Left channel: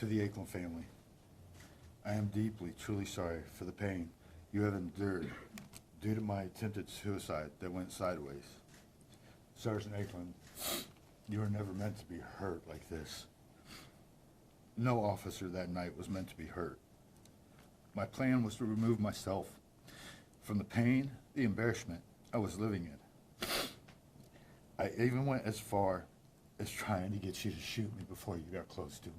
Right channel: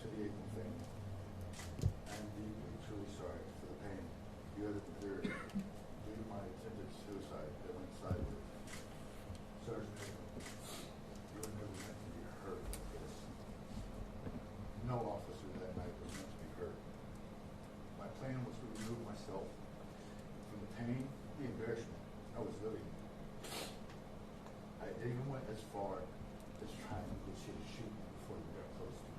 To the Aikman family, I am deeply, truly sorry for the pain you have endured due to my attempted suicide that went sideways. Sergeant Aikman, you were never meant to be hurt like this. No officer that night was meant to be hurt. My plan was to remove myself from the pain, the embarrassment I was living in. I even went as far as trying to get you to shoot me before you got close to me.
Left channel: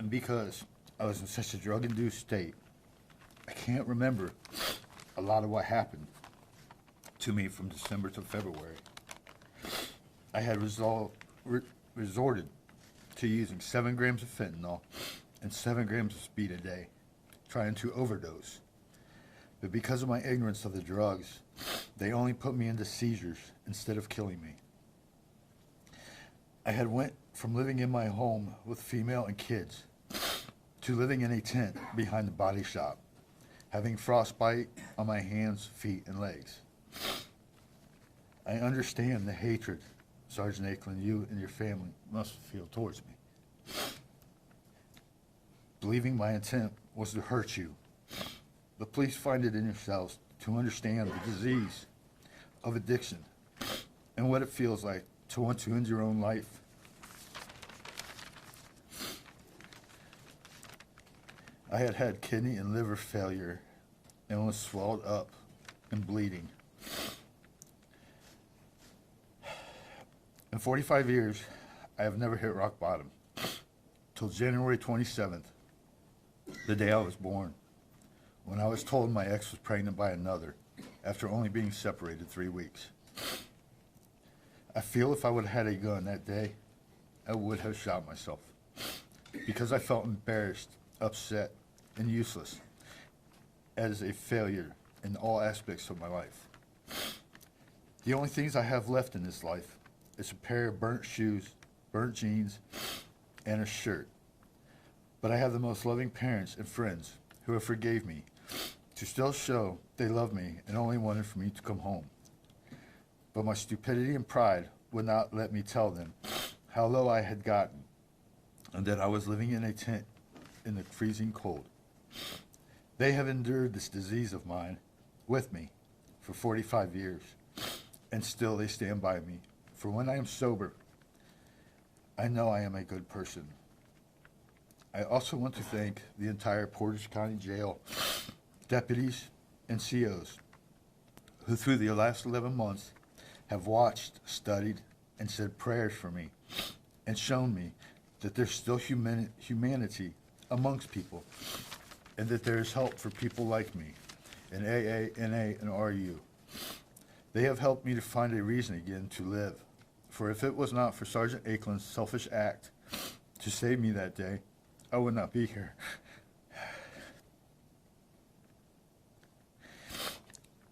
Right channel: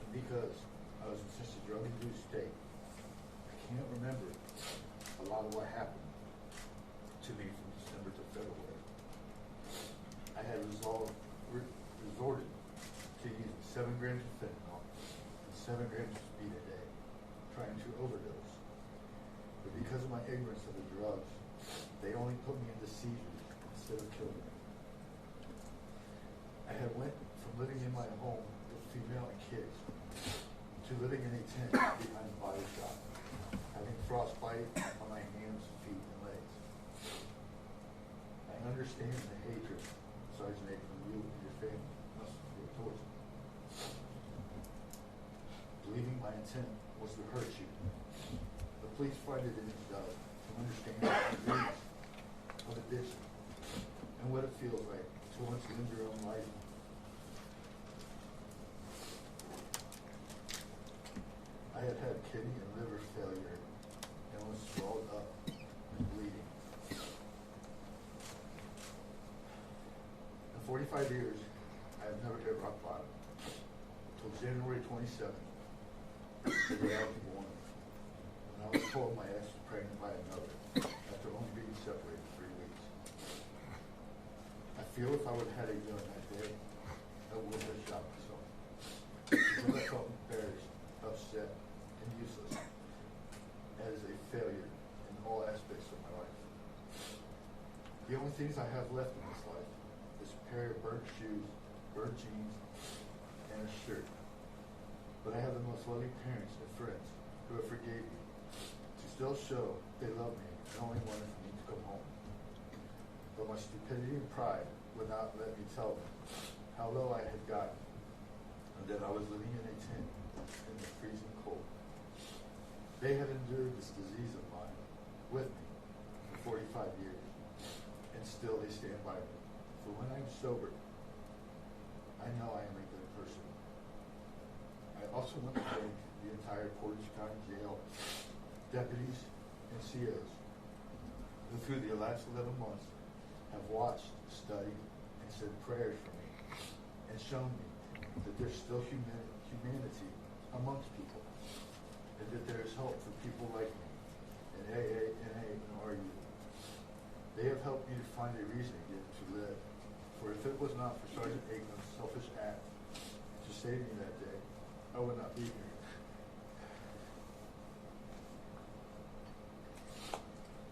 And because I was in such a drug-induced state, I can't remember a lot of what happened to me from December to February. I had resorted to using 7 grams of fentanyl and 7 grams of speed a day, trying to overdose. But because of my ignorance of the drugs, they only put me into seizures instead of killing me. I had went from living in my home with female and kids to living in a tent behind the body shop, having frostbite on my hands, feet, and legs. I understand the hatred, Sergeant Aikman, you and your family must feel towards me. Believing my intent was to hurt you, but please find it in yourselves to understand the disease of addiction and what it feels like to want to end your own life. I had had kidney and liver failure and was swelled up and bleeding. In 45 years, I have never hit rock bottom till January 27th, the day I was born, when I was told my ex was pregnant by another after only being separated 3 weeks. I feel if I would have had a gun that day, I would have shot myself because I felt embarrassed, upset, and useless as a failure in all aspects of my life. The only things I have left in this life is a pair of burnt shoes, burnt jeans, and a shirt. But I have the most loving parents and friends who have forgave me to still show they love me and only wanted for me to come home. But my stupidity and pride would not let me tell them how low I had gotten and that I was living in a tent in the freezing cold. They have endured this disease of mine with me for 45 years, and still they stand by me. For when I am sober, I know I am a good person. I also want to thank the entire Portage County Jail deputies and COs who through the last 11 months have watched, studied, and said prayers for me and shown me that there's still humanity amongst people and that there is hope for people like me in AA, NA, and RU. They have helped me to find a reason again to live. For if it was not for Sergeant Aikman's selfish act to save me that day, I would not be here.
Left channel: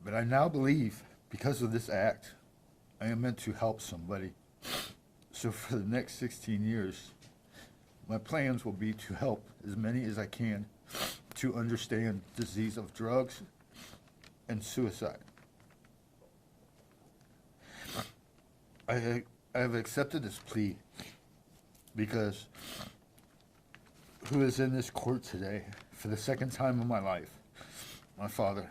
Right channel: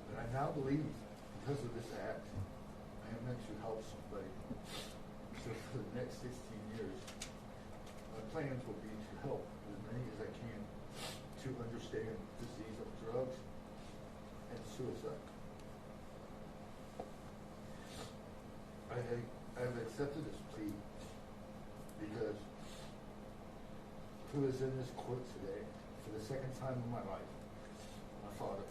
But I now believe, because of this act, I am meant to help somebody. So for the next 16 years, my plans will be to help as many as I can to understand the disease of drugs and suicide. I have accepted this plea because who is in this court today for the second time in my life? My father.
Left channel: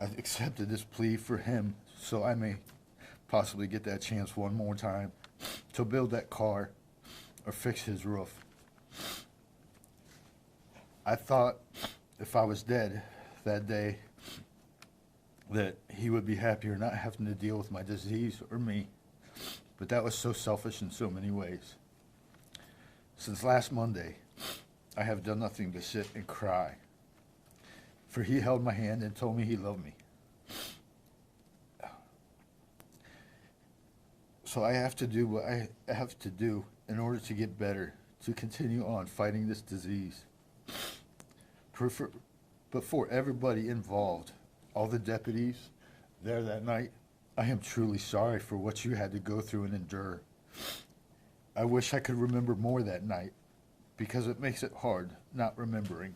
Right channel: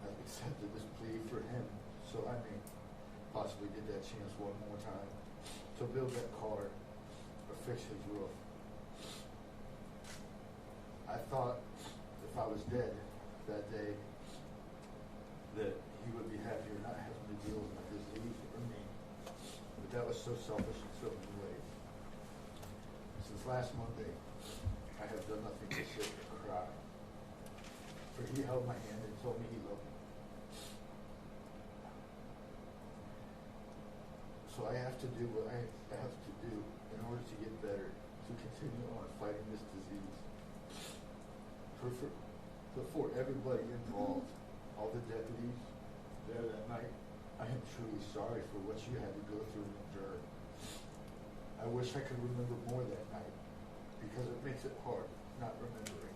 I've accepted this plea for him so I may possibly get that chance one more time to build that car or fix his roof. I thought if I was dead that day that he would be happier not having to deal with my disease or me, but that was so selfish in so many ways. Since last Monday, I have done nothing but sit and cry, for he held my hand and told me he loved me. So I have to do what I have to do in order to get better, to continue on fighting this disease. But for everybody involved, all the deputies there that night, I am truly sorry for what you had to go through and endure. I wish I could remember more that night, because it makes it hard not remembering.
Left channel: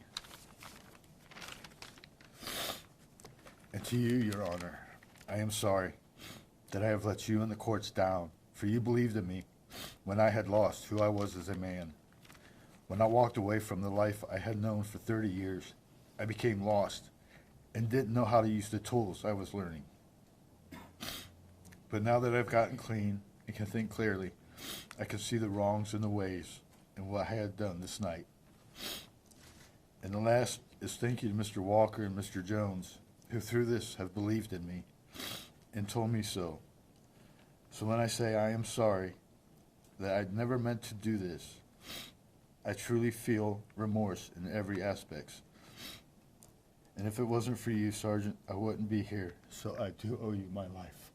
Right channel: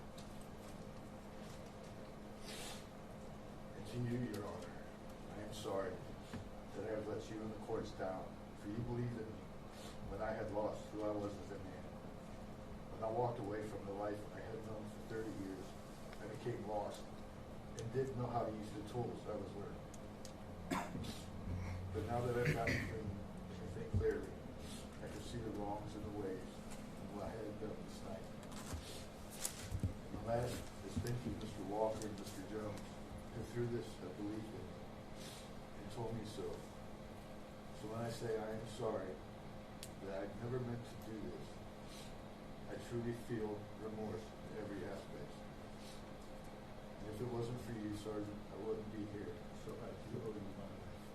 And to you, Your Honor, I am sorry. that I have let you and the courts down, for you believed in me when I had lost who I was as a man. When I walked away from the life I had known for 30 years, I became lost and didn't know how to use the tools I was learning. But now that I've gotten clean and can think clearly, I can see the wrongs and the ways and what I had done this night. And the last is thank you to Mr. Walker and Mr. Jones, who through this have believed in me and told me so. So when I say I am sorry that I'd never meant to do this, I truly feel remorse in every aspect. And if it wasn't for you, Sergeant, I wouldn't be here. So I do owe you my life.